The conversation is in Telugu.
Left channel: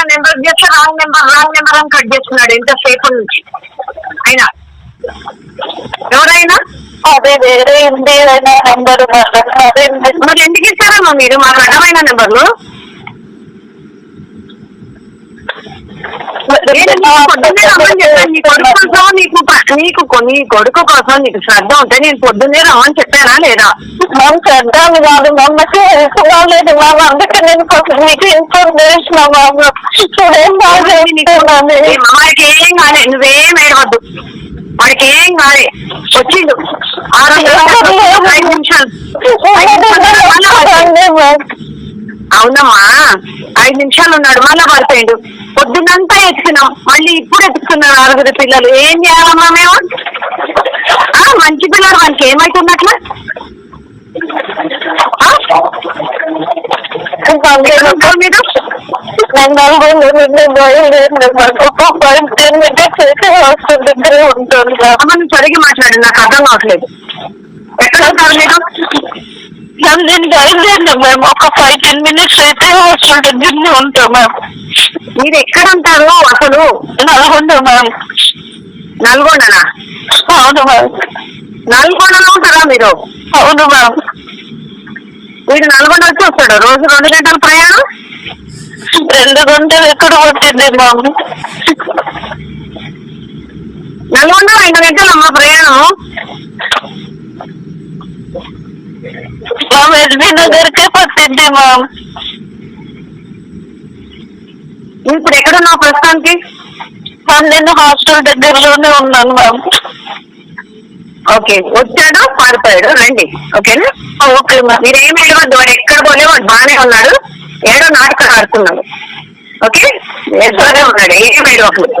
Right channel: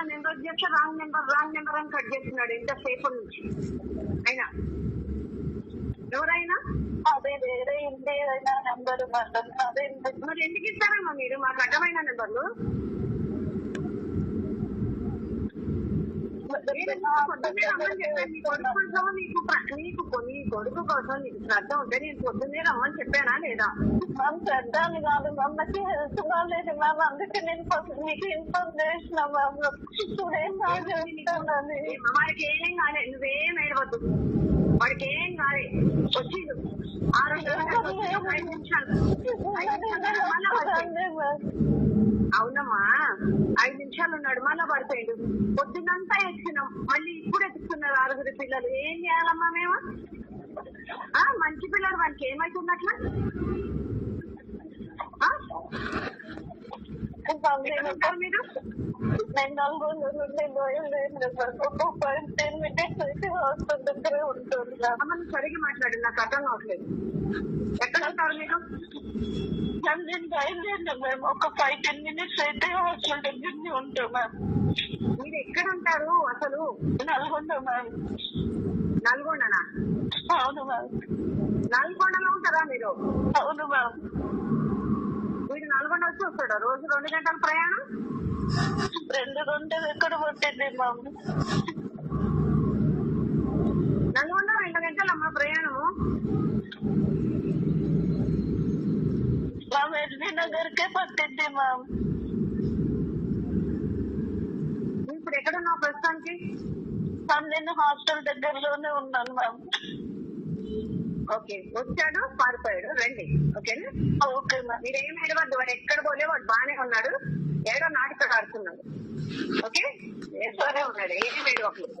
ఆయన నెంబర్ చేస్తే రాంగ్ నెంబర్ అని కట్ చేస్తున్నాడు ఎంతసేపు నుంచి. అయినా ఎవరైనా అదే వేరే ఉంది నెంబర్. మరి ఎందుకు ఇస్తారమ్మా మీరు మాకు అడ్డమైన నెంబర్లు? పొద్దున్నే రమ్మని చెప్పాను. నీ కొడుకు కోసం నీ కొడుకు కోసం నీకు శ్రద్ధ ఉంటే నేను పొద్దున్నే రమ్మని చెప్పానా లేదా? మ్యామ్ శ్రద్ధ కాదు మ్యామ్, నాకు లేదు మ్యామ్, అందుకే నేను మీకు ఇన్ఫర్మేషన్ వాడికి ఏం కాలే, నువ్వేం ఏడవద్దు. వాడికి ఏం కాలే, వచ్చిండు 5 నిమిషాలు. అవునమ్మా 5 నిమిషాలు ఉన్నాడు, మళ్ళా పడిపోయిండు. పొద్దున్నంతా ఎత్తుకున్నాం, మళ్ళీ ఇప్పుడు ఎత్తుకున్నారు 6 పిల్లలు. ఏం చేయాలమ్మా మేము? మంచి పిల్లలు మనకి ఏమైతున్నట్లా? మీరు సరిగ్గా మాట్లాడు, నాకు అర్థం కావట్లేదు. ఎక్కడ ఉంటారు మీరు? నేను బయలుదేరినా మేము ఒక 5-10 మినిట్స్ అయితే హాస్టల్ దగ్గరనే ఉంటాం మ్యామ్. మీరు ఎక్కడ ఉంటారు అసలు? నల్గొండ మ్యామ్. నల్గొండనా? అవును మ్యామ్. నల్గొండలో ఉంటారా మీరు? అవును మ్యామ్. మీరు నల్గొండ వచ్చి వస్తాడు రోజు 2 గంటల ప్రయాణం? 2 గంటలు ఎక్కడ పట్టింది మ్యామ్? నల్గొండ 2 గంటలు అమ్మ ప్రయాణం. మ్యామ్ ఎస్బీ నగర్కే పట్టింది మ్యామ్. ఇప్పుడు ఎక్కడున్నావు ప్రస్తుతానికి? నేను హాస్టల్ దగ్గరలోనే ఉన్నాను మ్యామ్. ఓకే, వచ్చాడు పారిపోయాడు, రండి. ఓకేనా? Okay ma'am. మీరేం ఏడవద్దు, వాడు ఎక్కడ పోలే, వాడు బాగానే ఉన్నాడు. ఏడో నాటకాలు ఆడుతున్నాడు. ఓకే, బాగానే ఉన్నాడు, ఏం ఏడవట్లేదు.